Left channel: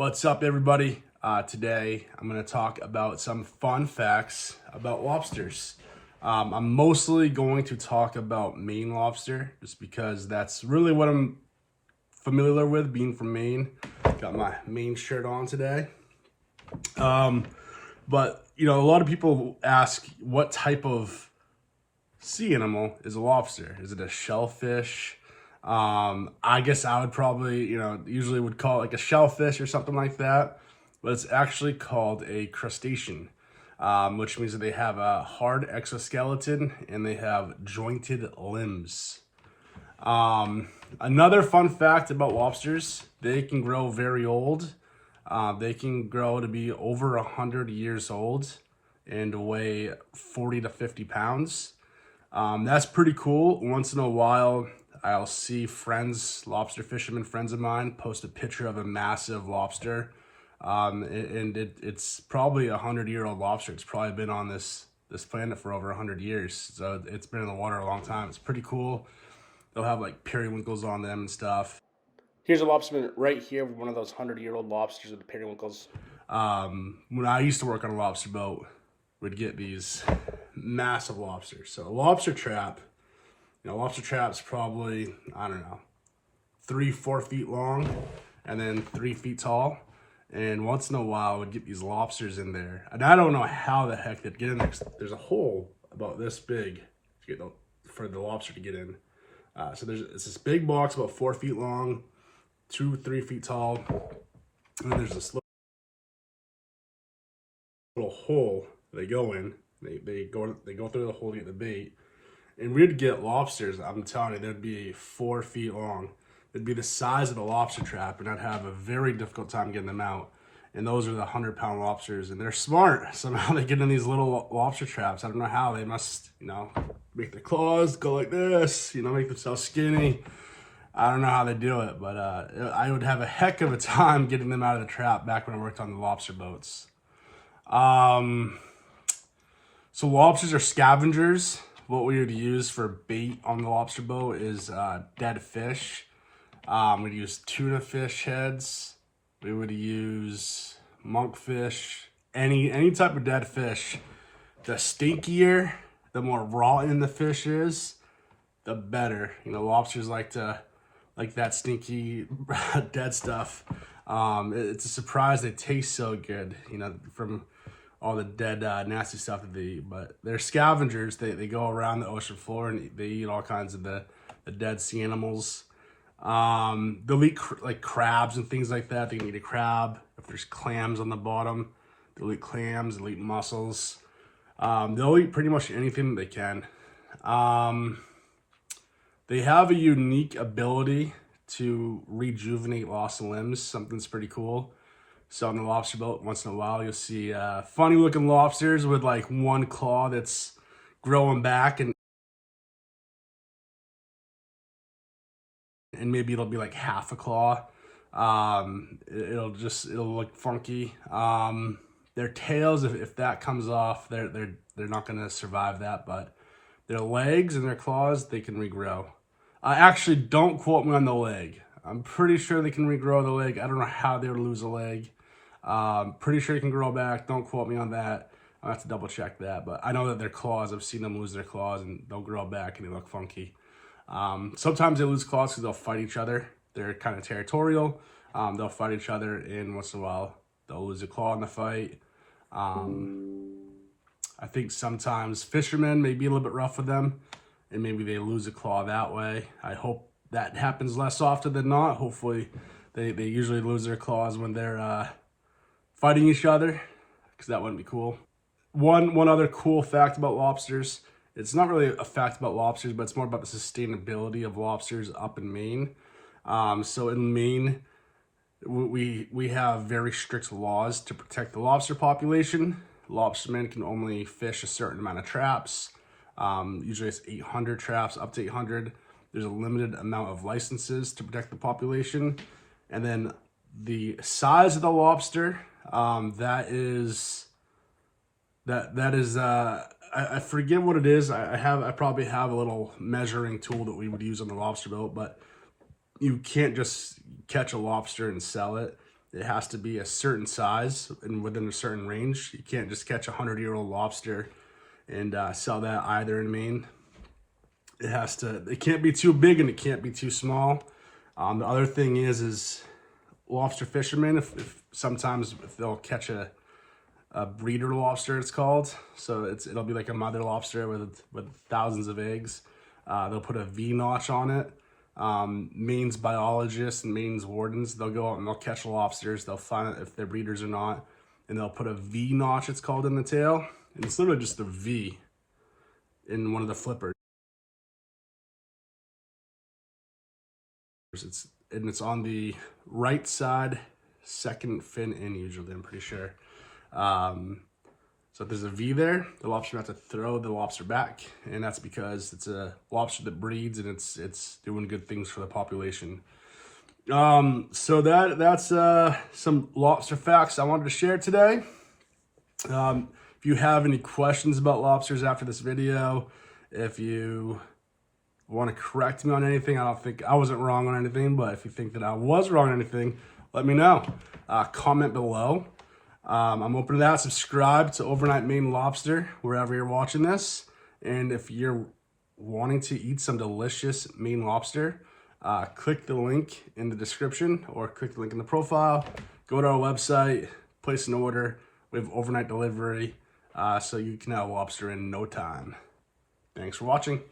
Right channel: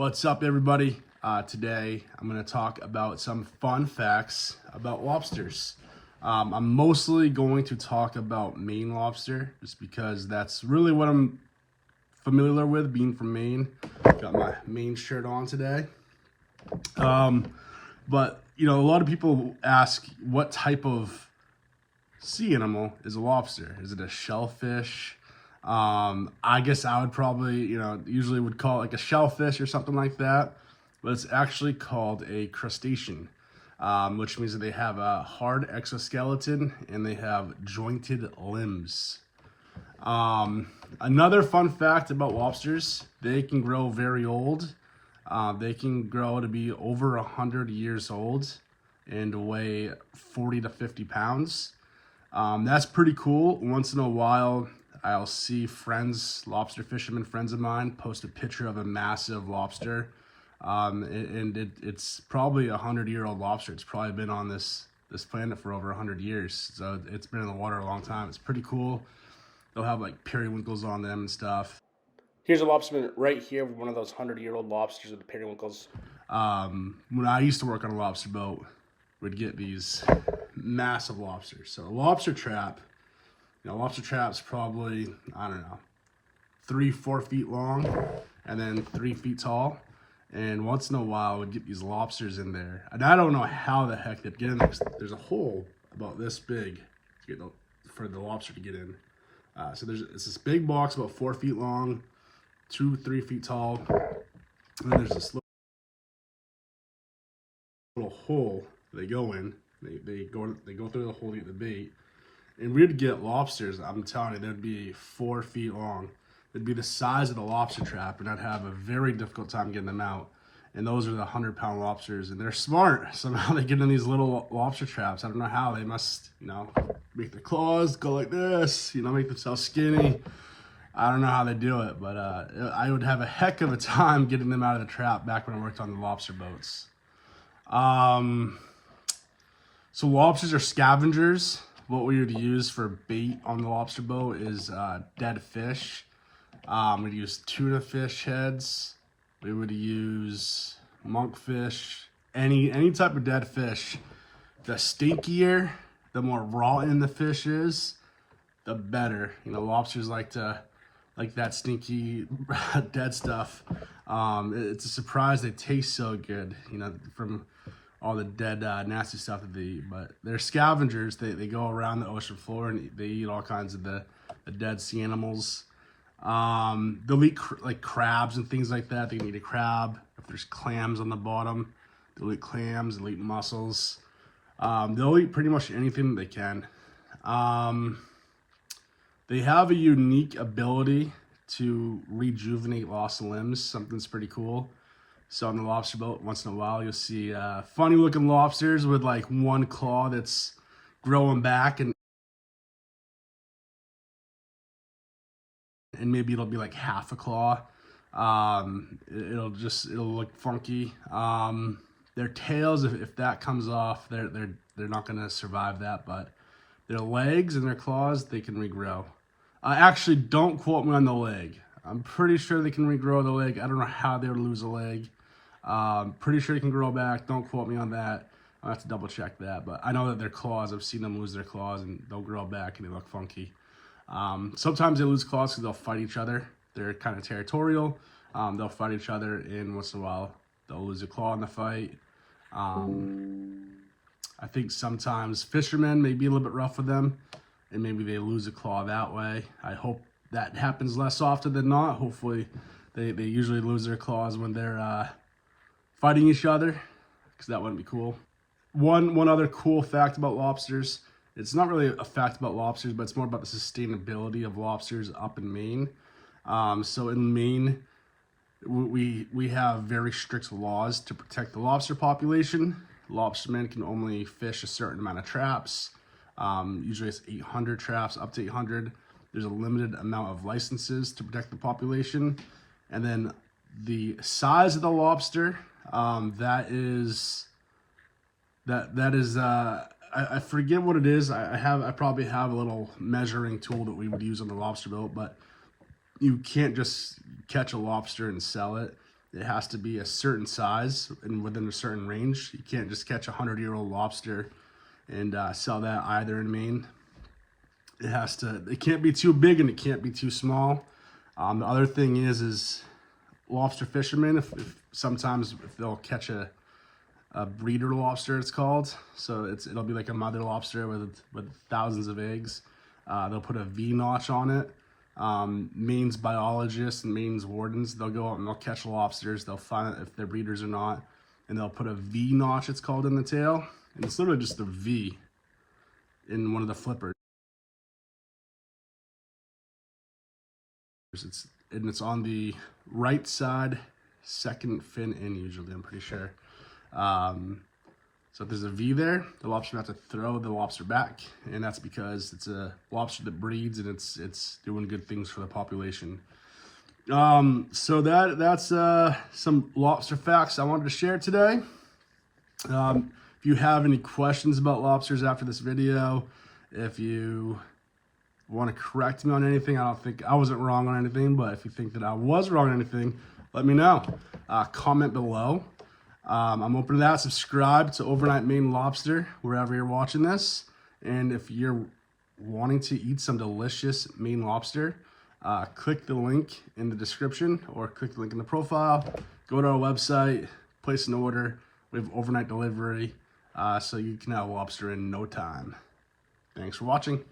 What's up, everybody? Today I'm going to talk about some fun facts about lobsters. I'm mostly going to talk about Maine lobster just because that's really what I'm familiar with, being from Maine. Got my Maine shirt on today. But a lot of people ask, what type of sea animal is a lobster? Is it a shellfish? I guess I would probably, usually would call it like a shellfish or something like that, but it's actually called a crustacean, which means that they have a hard exoskeleton and they have jointed limbs. Another fun fact about lobsters, they can grow very old. They can grow to be over 100 years old and weigh 40 to 50 pounds. That's pretty cool. Once in a while, I'll see lobster fishermen friends of mine, post a picture of a massive lobster. It's probably a 100-year-old lobster. It's probably been on this planet for over 100 years. So it's been in the water a long time. It's pretty cool. They'll have like periwinkles on them and stuff. Here's a lobsterman right here, one of those 100-year-old lobsters with the periwinkles. When I used to work on a lobster boat, we'd get these massive lobsters. So a lobster trap's probably, I don't know, 3-4 feet long and then 3 feet tall. And once in a while, we'd get these lobsters in there. And I don't know how the heck they'd get in there. There's a hole about this big for the lobster to get in. So it's this big box about 4 feet long, 2-3 feet tall. And then there's this little hole they go in. They go through the hole to get the bait. And we'd get lobsters, I'm telling you, they'd be 4 feet long. They'd be the size of the lobster trap, and I'd have a very difficult time getting them out. And those are the 100-pound lobsters, and they're smart. Somehow they get in these little lobster traps. I don't know how. They must, make their claws go like this, make themselves skinny. I don't know how they do it, but I would have a heck of a time getting them out of the trap back when I worked on the lobster boats. So lobsters are scavengers. What we would use for bait on the lobster boat is dead fish. We'd use tuna fish heads. We would use monkfish, any type of dead fish. The stinkier, the more rotten the fish is, the better. Lobsters like that stinky dead stuff. It's a surprise they taste so good, from all the dead, nasty stuff that they eat. But they're scavengers. They go around the ocean floor and they eat all kinds of the dead sea animals. They'll eat like crabs and things like that. They can eat a crab. If there's clams on the bottom, they'll eat clams. They'll eat mussels. They'll eat pretty much anything that they can. They have a unique ability to rejuvenate lost limbs. Something's pretty cool. So on the lobster boat, once in a while, you'll see funny looking lobsters with like one claw that's growing back, and maybe it'll be like half a claw. It'll look funky. Their tails, if that comes off, they're not gonna survive that, but their legs and their claws, they can regrow. Actually, don't quote me on the leg. I'm pretty sure they can regrow the leg. I don't know how they would lose a leg. Pretty sure they can grow back. Don't quote me on that. I'll have to double check that. But I know that their claws, I've seen them lose their claws and they'll grow back and they look funky. Sometimes they lose claws because they'll fight each other. They're kind of territorial. They'll fight each other, and once in a while, they'll lose a claw in the fight. I think sometimes fishermen may be a little bit rough with them, and maybe they lose a claw that way. I hope that happens less often than not. Hopefully, they usually lose their claws when they're fighting each other, because that wouldn't be cool. One other cool fact about lobsters. It's not really a fact about lobsters, but it's more about the sustainability of lobsters up in Maine. So in Maine, we have very strict laws to protect the lobster population. Lobstermen can only fish a certain amount of traps. Usually it's 800 traps, up to 800. There's a limited amount of licenses to protect the population. And then the size of the lobster, I forget what it is. I probably have a little measuring tool that we would use on the lobster boat, but you can't just catch a lobster and sell it. it has to be a certain size and within a certain range. You can't just catch a 100-year-old lobster and sell that either in Maine. It can't be too big and it can't be too small. The other thing is lobster fishermen, if sometimes if they'll catch a breeder lobster, it's called. So it'll be like a mother lobster with thousands of eggs. They'll put a V notch on it. Maine's biologists and Maine's wardens, they'll go out and they'll catch lobsters. They'll find out if they're breeders or not, and they'll put a V notch, it's called, in the tail. And it's literally just a V in one of the flippers. It's on the right side, second fin in usually, I'm pretty sure. So if there's a V there, the lobster has to throw the lobster back, and that's because it's a lobster that breeds and it's doing good things for the population. So that's some lobster facts I wanted to share today. If you have any questions about lobsters after this video, if you want to correct me on anything, I don't think I wasn't wrong on anything, but if you think that I was wrong on anything, let me know. Comment below. I'm open to that. Subscribe to Overnight Maine Lobster wherever you're watching this. And if you're wanting to eat some delicious Maine lobster, click the link in the description or click the link in the profile. Go to our website, place an order. We have overnight delivery, so you can have lobster in no time. Thanks for watching.